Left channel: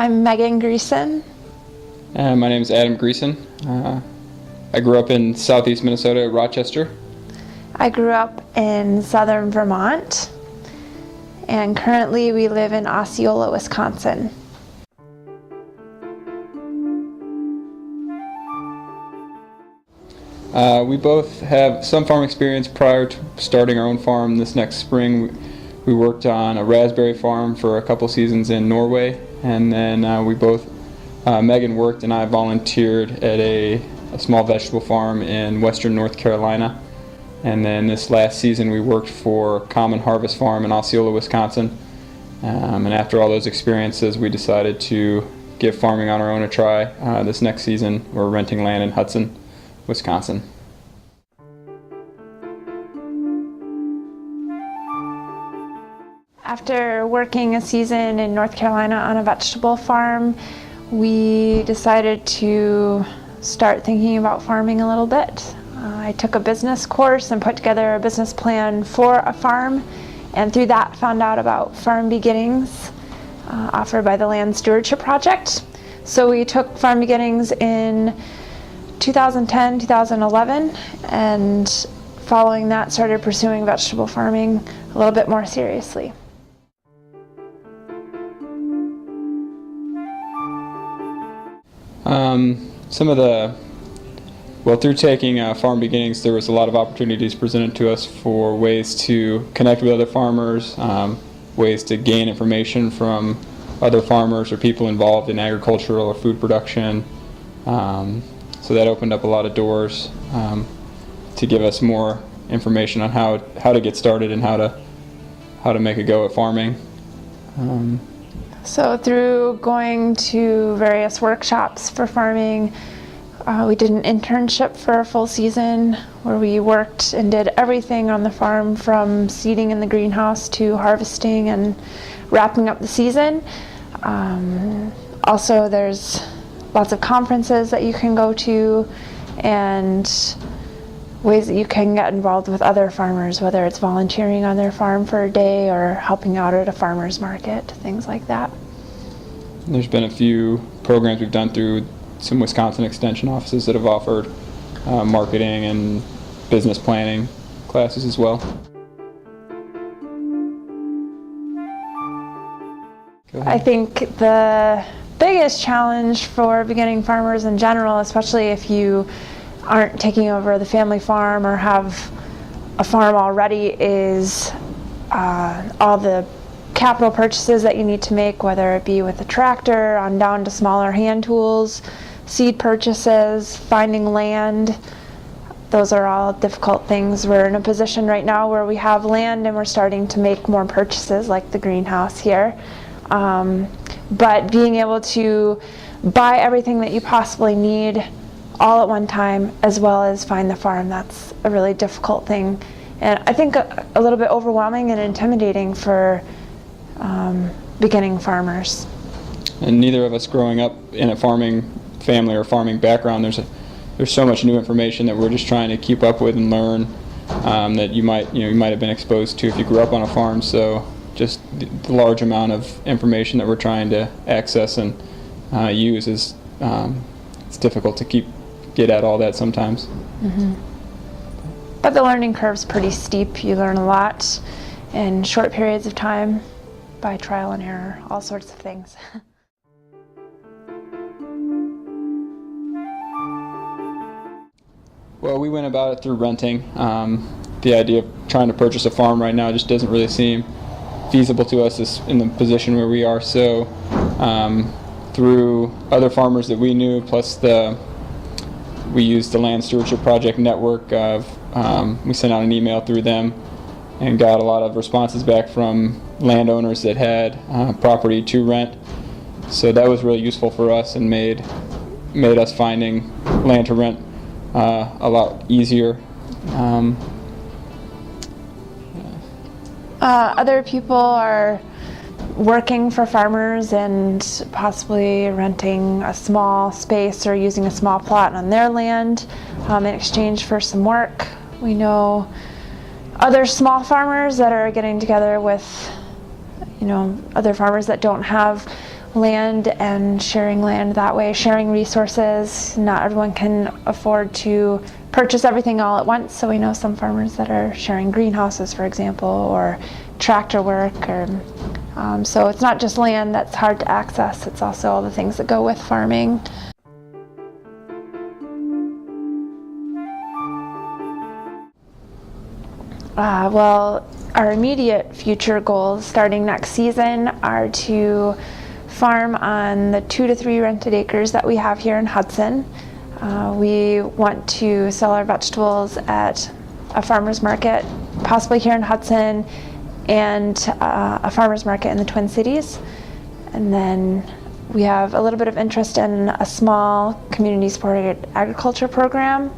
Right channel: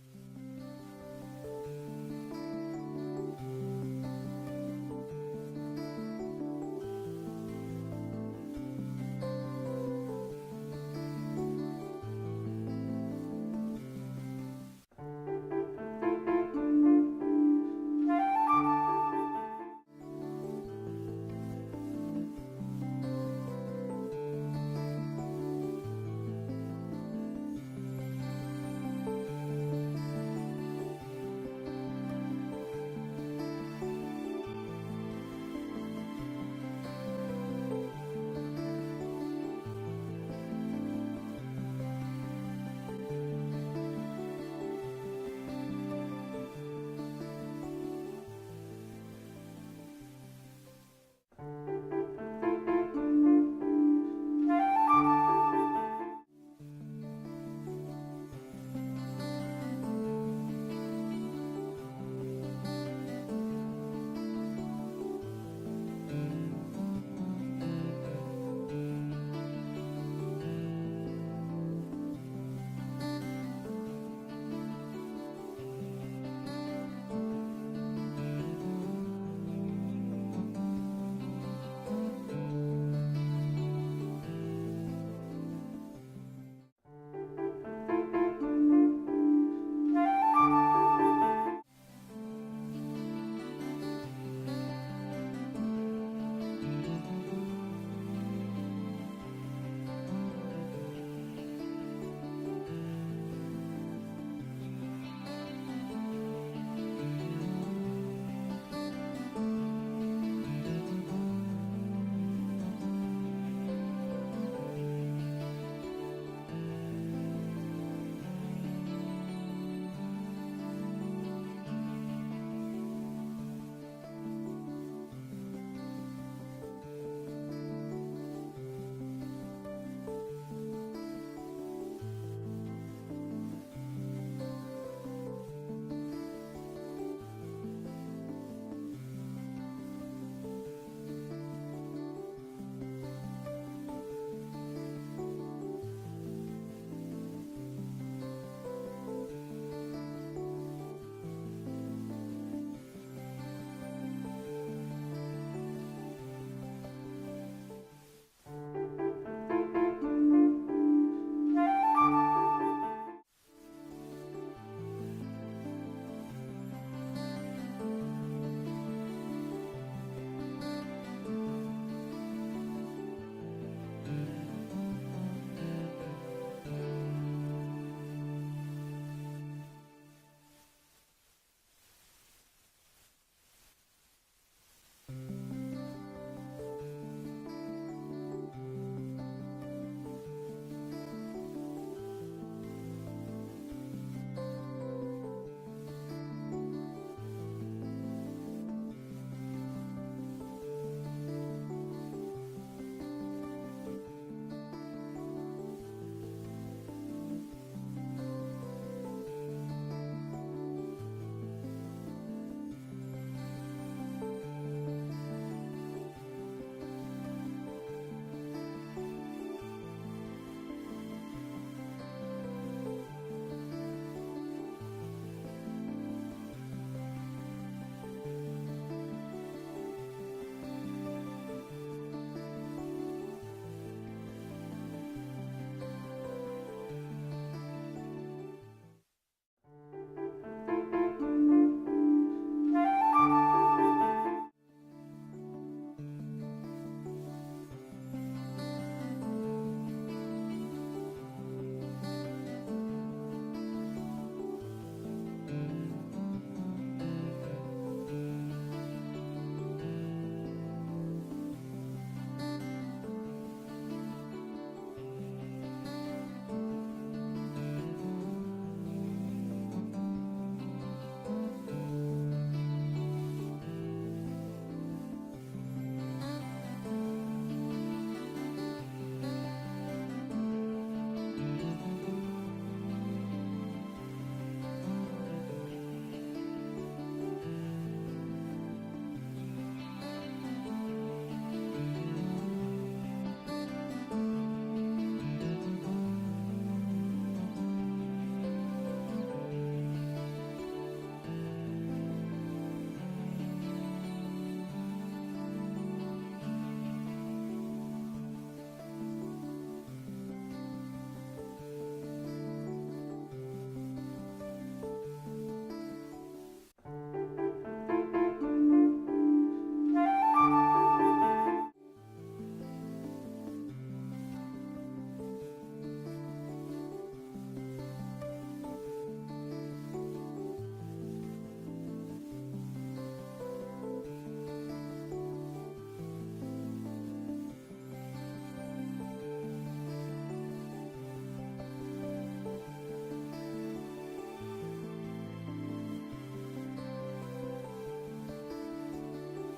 I'm Megan Greeson. My name is Adam Greeson. I grew up in southeast Minnesota, Rochester. I grew up in southern Vermont, and currently we live in Osceola, Wisconsin. We both have some farm experience prior to starting our own farm. This next spring we worked on a raspberry farm for a couple seasons in Norway, and then Megan worked and I volunteered at a small vegetable farm in western North Carolina. And then this last season we worked for Common Harvest Farm in Osceola, Wisconsin. And after all those experiences, we decided to give farming on our own a try. This next season we're renting land in Hudson, Wisconsin. After working a season in North Carolina on a vegetable farm, we decided to start thinking about farming a little bit. I took a business course and put together a business plan for a farm, and through that found out about Farm Beginnings offered by the Land Stewardship Project. So we took Farm Beginnings in 2010, 2011, and following that started pursuing vegetable farming a little bit more seriously. Through taking Farm Beginnings, there was a lot of opportunities presented to us for ways to connect with other farmers, ways to gain information from other farmers or people involved in agricultural or food production. So that opened up a lot of doors to give us more information on how to get started and how to make a go at farming. So through going to various workshops for farming, we did an internship for a full season where we worked and did everything on the farm from seeding in the greenhouse to harvesting and wrapping up the season. Also, there's lots of conferences that you can go to and ways that you can get involved with other farmers, whether it's volunteering on their farm for a day or helping out at a farmer's market, things like that. There's been a few programs we've done through some Wisconsin extension offices that have offered marketing and business planning classes as well. I think the biggest challenge for beginning farmers in general, especially if you aren't taking over the family farm or have a farm already, is all the capital purchases that you need to make, whether it be with a tractor on down to smaller hand tools, seed purchases, finding land. Those are all difficult things. We're in a position right now where we have land and we're starting to make more purchases like the greenhouse here. But being able to buy everything that you possibly need all at one time, as well as find the farm, that's a really difficult thing. And I think a little bit overwhelming and intimidating for beginning farmers. And neither of us growing up in a farming family or farming background, there's so much new information that we're just trying to keep up with and learn that you might have been exposed to if you grew up on a farm. So just the large amount of information that we're trying to access and use is it's difficult to get at all that sometimes. Mm-hmm. But the learning curve's pretty steep. You learn a lot in short periods of time by trial and error, all sorts of things. Well, we went about it through renting. The idea of trying to purchase a farm right now just doesn't really seem feasible to us in the position where we are. So through other farmers that we knew, plus we used the Land Stewardship Project network. We sent out an email through them and got a lot of responses back from landowners that had property to rent. So that was really useful for us and made us finding land to rent a lot easier. Other people are working for farmers and possibly renting a small space or using a small plot on their land in exchange for some work. We know other small farmers that are getting together with other farmers that don't have land and sharing land that way, sharing resources. Not everyone can afford to purchase everything all at once, so we know some farmers that are sharing greenhouses, for example, or tractor work. So it's not just land that's hard to access, it's also all the things that go with farming. Well, our immediate future goals starting next season are to farm on the 2 to 3 rented acres that we have here in Hudson. We want to sell our vegetables at a farmer's market, possibly here in Hudson, and a farmer's market in the Twin Cities. And then we have a little bit of interest in a small community-supported agriculture program,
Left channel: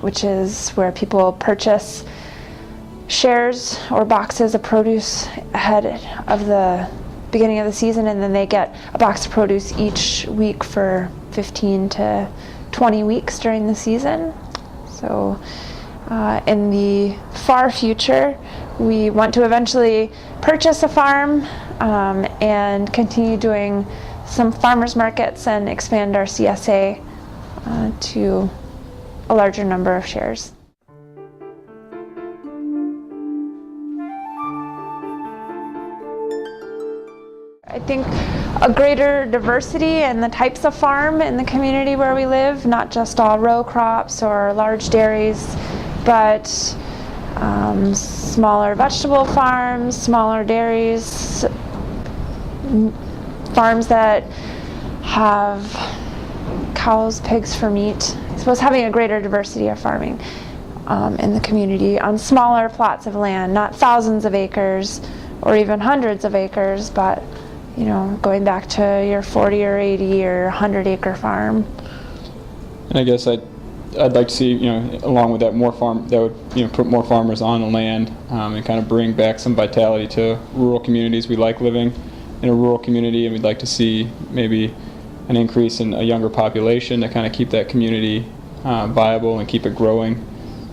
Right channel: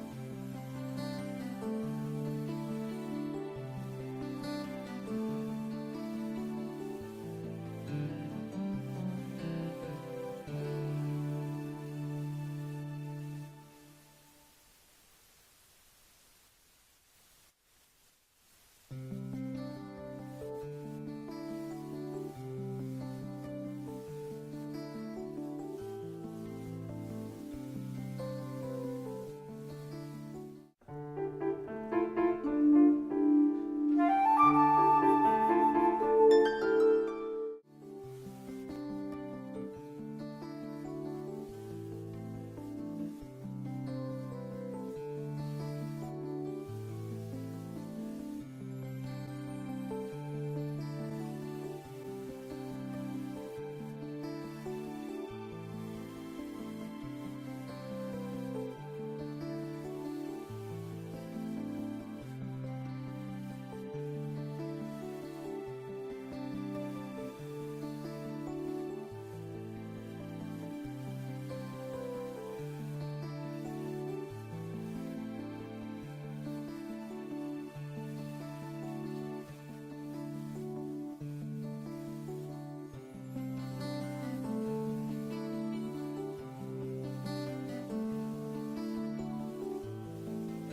which is where people purchase shares or boxes of produce ahead of the beginning of the season, and then they get a box of produce each week for 15 to 20 weeks during the season. So in the far future, we want to eventually purchase a farm and continue doing some farmers markets and expand our CSA to a larger number of shares. I think a greater diversity in the types of farm in the community where we live, not just all row crops or large dairies, but smaller vegetable farms, smaller dairies, farms that have cows, pigs for meat. I suppose having a greater diversity of farming in the community on smaller plots of land, not thousands of acres or even hundreds of acres, but you know, going back to your 40 or 80 or 100 acre farm. And I guess I'd like to see, along with that, would, put more farmers on the land and kind of bring back some vitality to rural communities. We like living in a rural community, and we'd like to see maybe an increase in a younger population to kind of keep that community viable and keep it growing.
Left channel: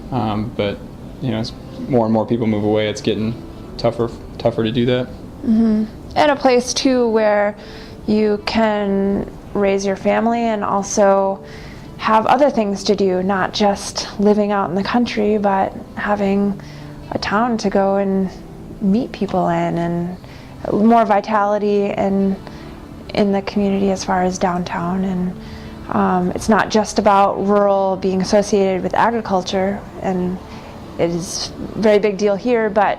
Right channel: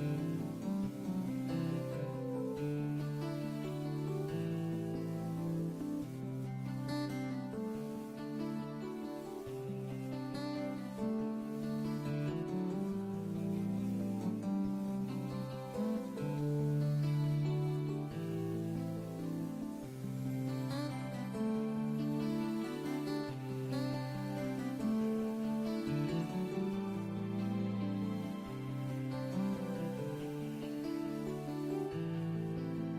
But as more and more people move away, it's getting tougher to do that. Mm-hmm. And a place too where you can raise your family and also have other things to do, not just living out in the country, but having a town to go and meet people in, and more vitality in the community as far as downtown. And it's not just about rural being associated with agriculture, and it is a very big deal here, but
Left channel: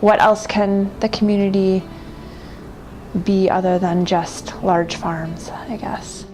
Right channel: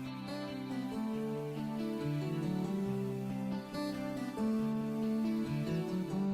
what else can the community be other than just large farms, I guess?